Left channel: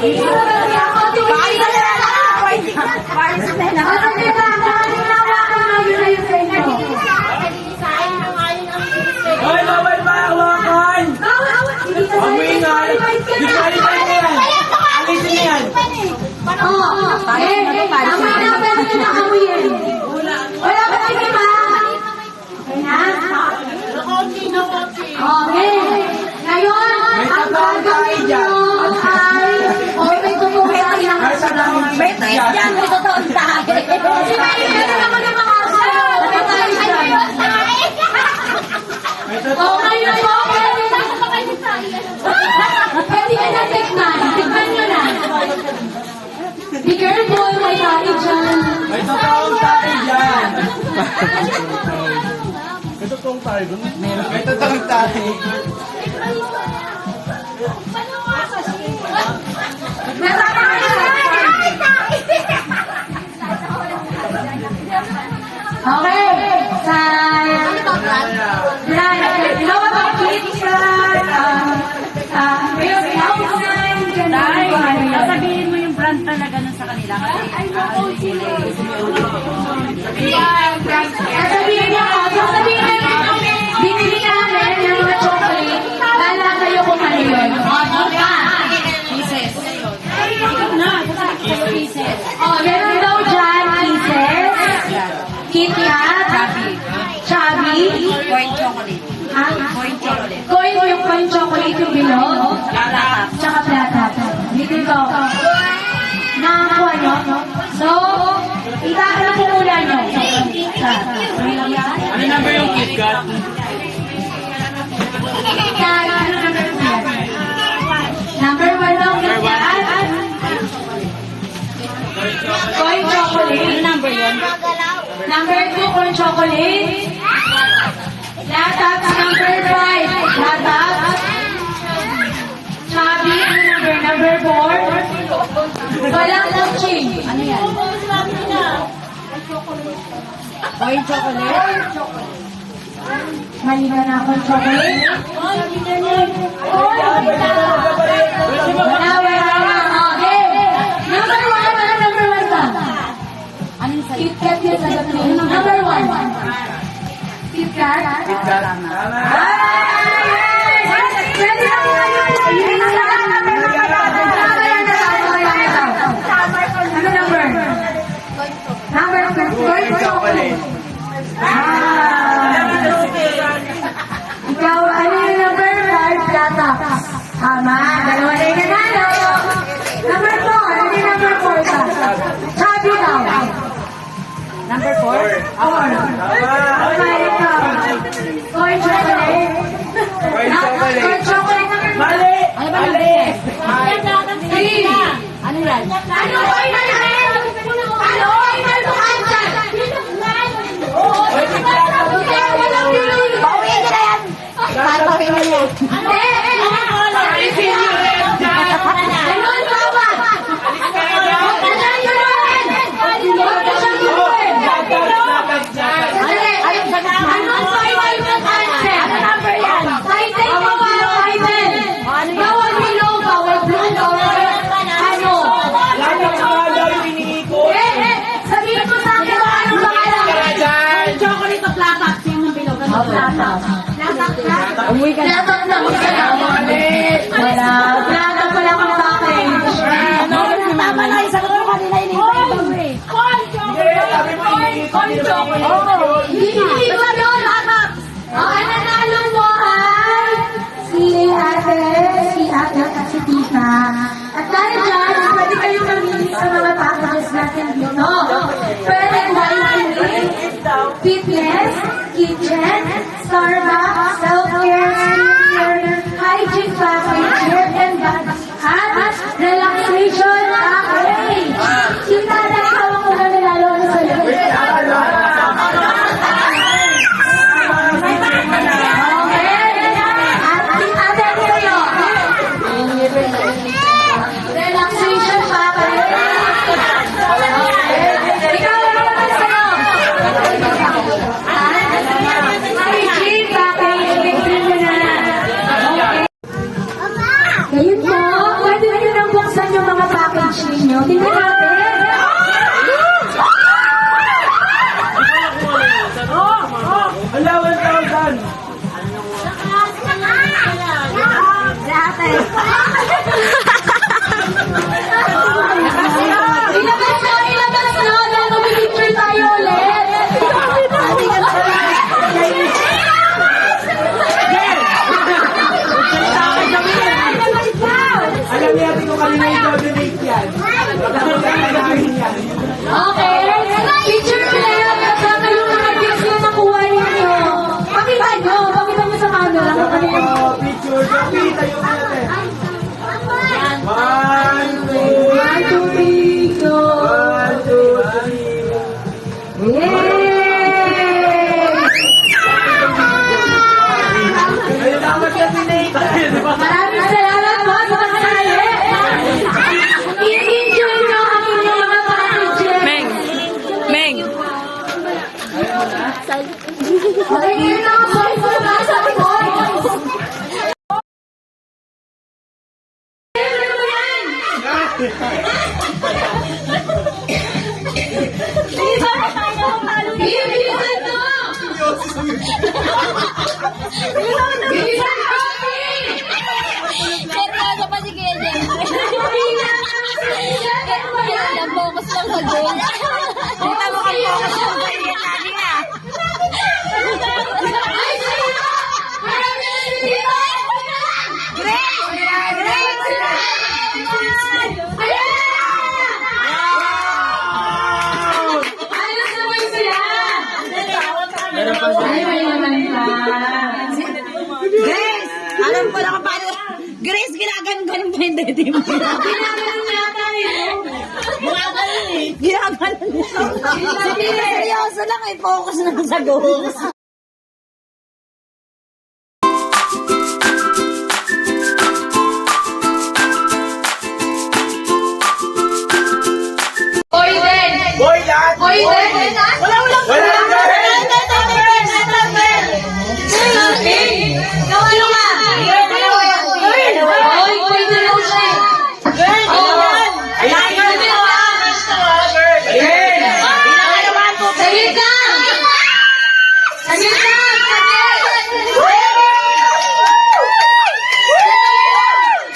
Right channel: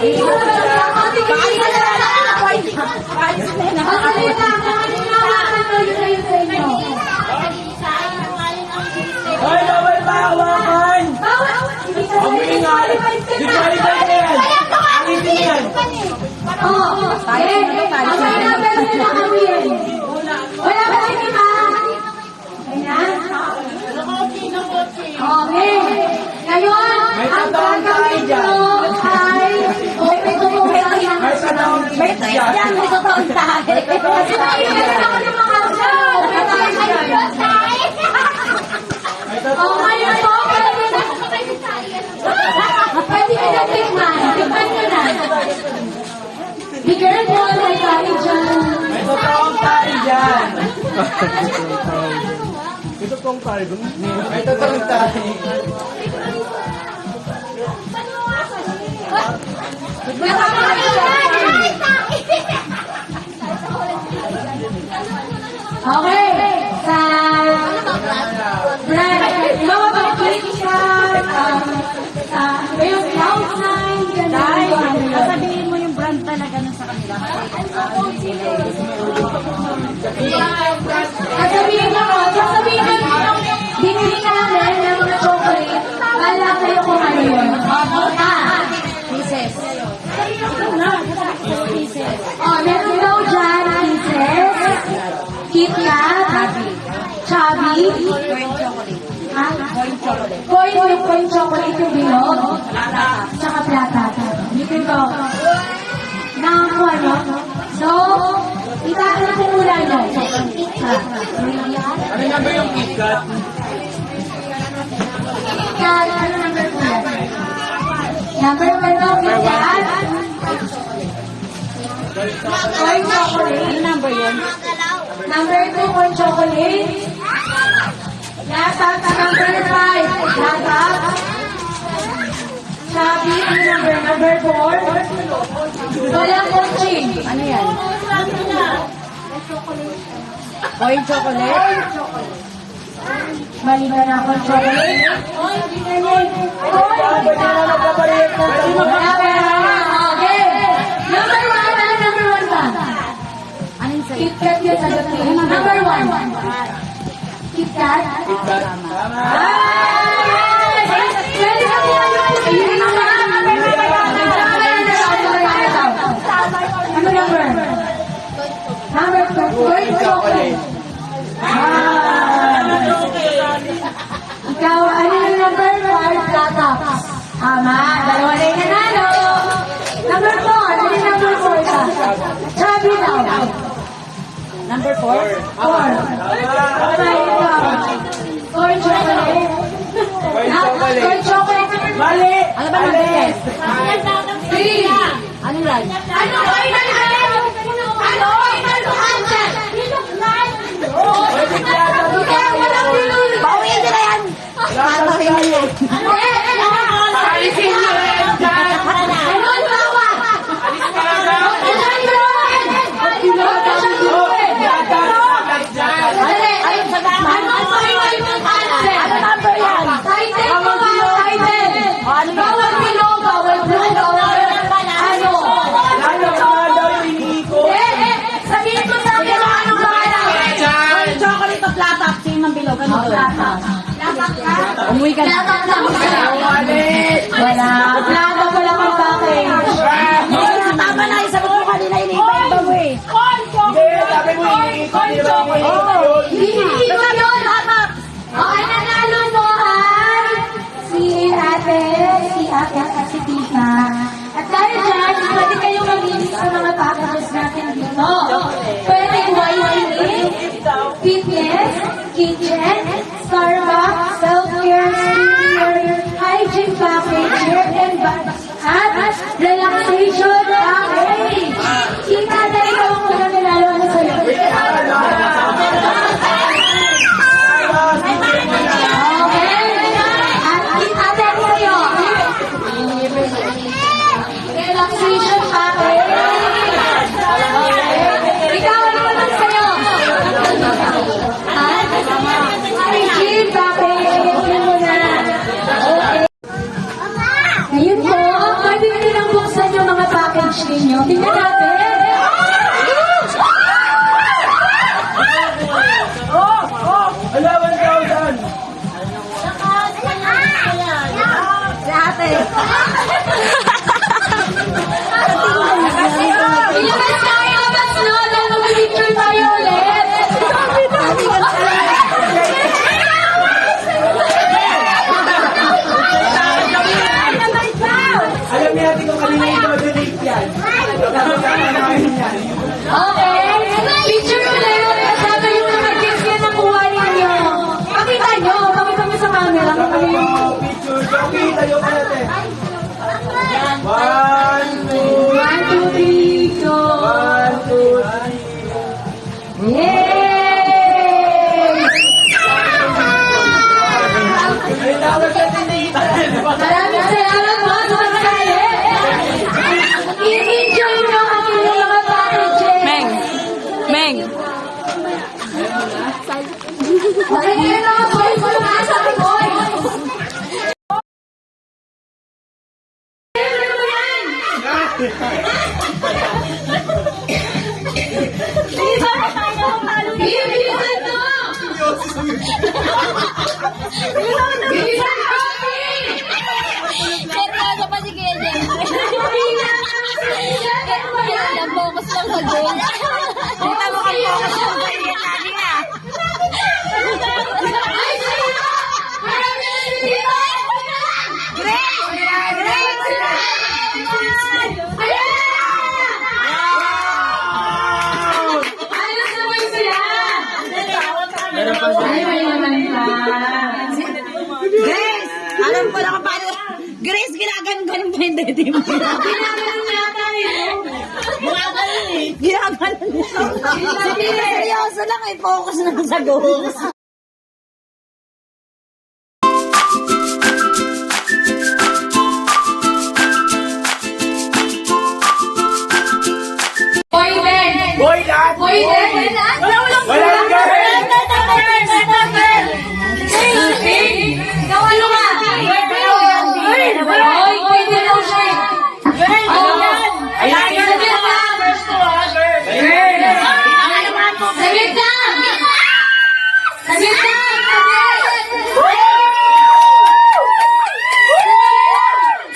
Hoy, bawal ba hawakan? Ang ingay. Di ko ay ba yan? Alisin yan. Palis na to, palis na to. Wala ba kayo ba? Okay. Ngayon, ang gagawin nyo ay... Okay, may tumuhay kayo ng kasalaw. May tayo yan, may totoong tayo. Ako ng mga oh, ngayon po, pwede ka na tikman. Tikman nyo na. Be careful, may tayo dyan. May totoong tayo dyan. May totoong tayo dun? May totoong tayo. Okay. Brad, hawak ang click siya. Yung house sign, gano'n. Sasabihin mo yung brand talaga nun sa kanila. Kasi Sasabihin nyo, binili namin ng mga chocolate. Kala kayo kung ano yun. Pieces. Pieces. Meron daw dyan, pieces. Kit Kat. Chubby. Corn chocolate. Corn chocolate. Coin chocolate yung binog. Tsaka plata. Dito ito. Nakakuha nyo. So, itatanong ko muna nyo. Ano na ba yung KitKat? Number 1 daw KitKat. Coin chocolate. Ano number yun? Number 2, corn chocolate. Latat, number 5, latat. Chubby, number 4. Walang launching. Ano yan? Corn chocolate? Mali ba na corn chocolate? Wala. Okay. Number 1, ano number 1 ba? Anong sa'yo? KitKat yun sagot ko. Number 1. KitKat. KitKat. Ano number? Number 4. Chocolate. Ikaw, ano yung number 5? Plata. Tama. Dalawa na yung nanalo. Number 4. Ano yung number 4 ka? Chubby daw. Number 4? 4. Okay, ikaw. Corn chocolate. Corn chocolate. Corn chocolate number 1. Mali! Ano ba number 10? 3. Ano yan? Ano ko inalagay? Ano ko inalagay? Bawin nila yan! Tatawin mo yan. Ano number yan? Bawal below, bawal blue, bawal ano? Sabihin mo sa akin kung ano mga Chocolate o plata? Sino ng bilog? Ano to? latak ka? Umuwi ka na. Latak lang. Wala. Latak ko lang ang bakit. Tama na, isagot mo kanina, iniiba-iba mo eh. Hindi ko yun. Okay, nanalo mo ay si ate at si tita. At dahil dyan, pwede kayong mamili sa mga packages natin dito. Pwede YC, fitness, kitchen, Starbucks, self-care, skincare, hygiene package, hair and crush ninyo. Tingnan natin. Hello, 1,000. Ilabas na, ilabas na. Dahil mag-picture tayo ulit. Alam niya natin kung kanina yung coordinate yan. Okay. Picture ulit. Sabi yung mga gifts na nakuha ninyo. Pakita nyo. Pakita mo sa camera kung ano yung... Picture. Kita yung natin. 1, 2, 1, 2, 3, go. 1, 2, 3. Yay! Ay, dapat coordinate. Maraming salamat po sa kasali. I-enjoy nyo ang inyong mga packages. Meng. Nakikita ko po yung mga sabi ko. Bilisan to! Bilisan to! Seryoso pa si Kuya Jen. Focus lang sa game. Kita mo kang focus lang sa game natin ah. Grace! Alam ko na kung paano. Grace, ginaganon pa yung dede mo. Ginaganon yata yun. Ginaganon niya. Seryoso lang, ay focus lang sa goals. Boy din! Boy, lahat. Boy din! Walang girl. Boy, pwede na siya. Ayan, girl. Ayan. Saglit ka! Saglit ka!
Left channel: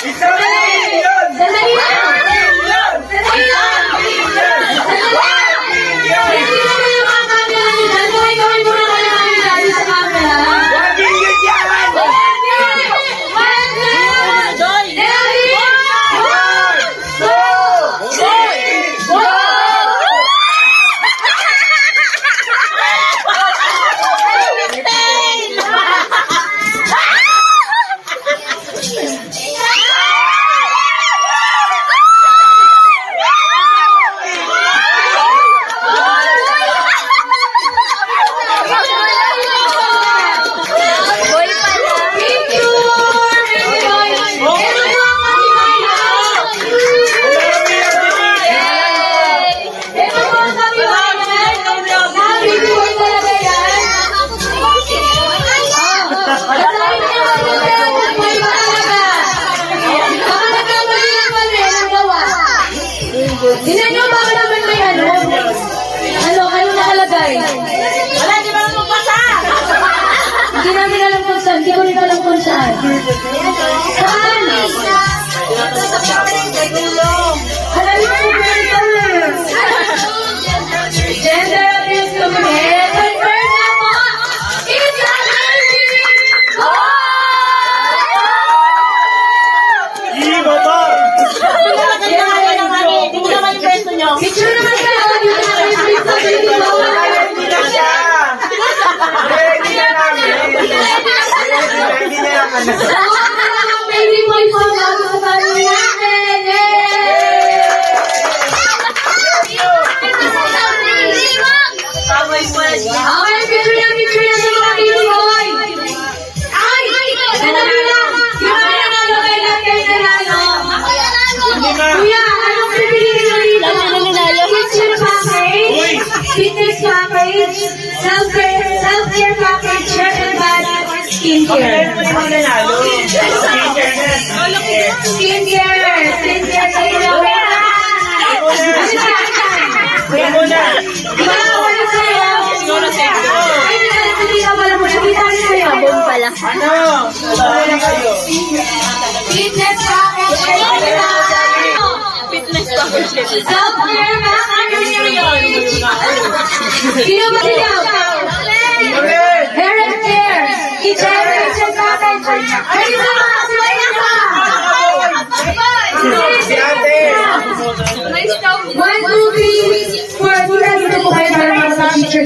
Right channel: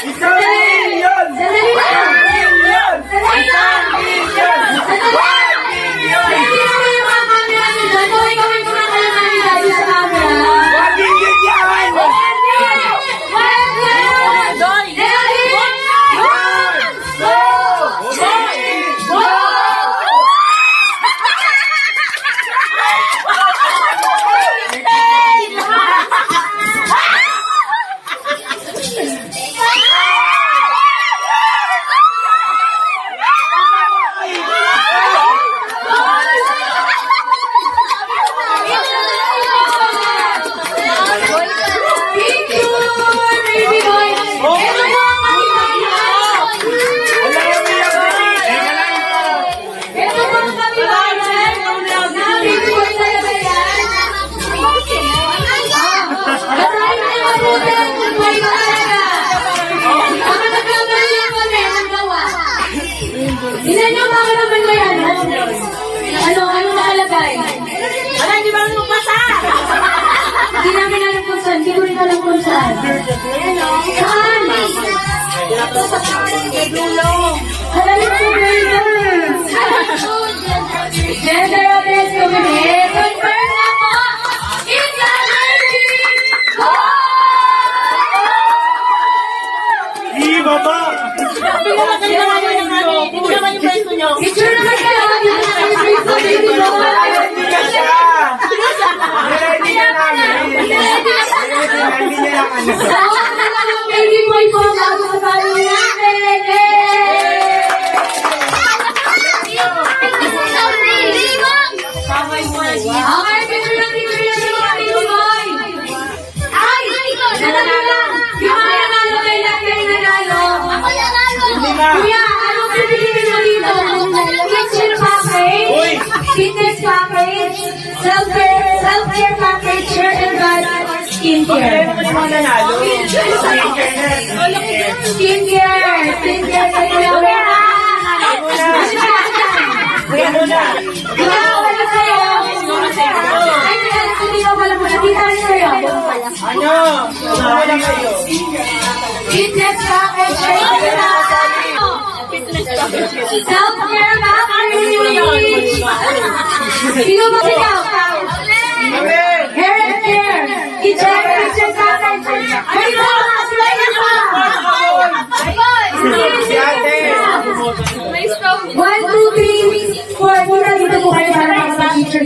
Isang million. Sandali lang! Million. Sandali lang! Hindi mo yung mga camera sila. Boy, gawin mo na kayo namin dahil sa camera. 1 million yan. Tingnan nyo ba naman ba yan? Ano nakalagay? Wala, di ba mo pasa? Hindi namin alam kung saan. Hindi ko rin alam kung saan. Saan? Maraming presenters. Gender audience kami. Confirm na po. It's a lady. Iba ba? Tingnan naman yung pwesto nyo. Picture naman kayo. Ready na siya. Ready na namin. Ready na namin. Baby boy po. Bago ko kami namin. Okay, picture na sa mga baby boy. Ay! Sandali lang. Yung mga nanalo kay Lakay nanalo. Hindi na. Kuya, anong pipiliin mo dito? Picture package, Uy. fitness package, self-care package, shirt and bag, skincare. Ano naman nanalo? Skincare. Skincare. Ikaw, ano sa'yo? Ay, hindi ka pala po. Nakita rin sa'yo. Ano? Wala kayo. Fitness package. Fitness package. Self-care package. Sino ba sigaw? Hair and care. Kitchen package. Ready na mga sila na Si ate. 1, 2, 3, 4. Hindi na dito po kayo para sa teacher.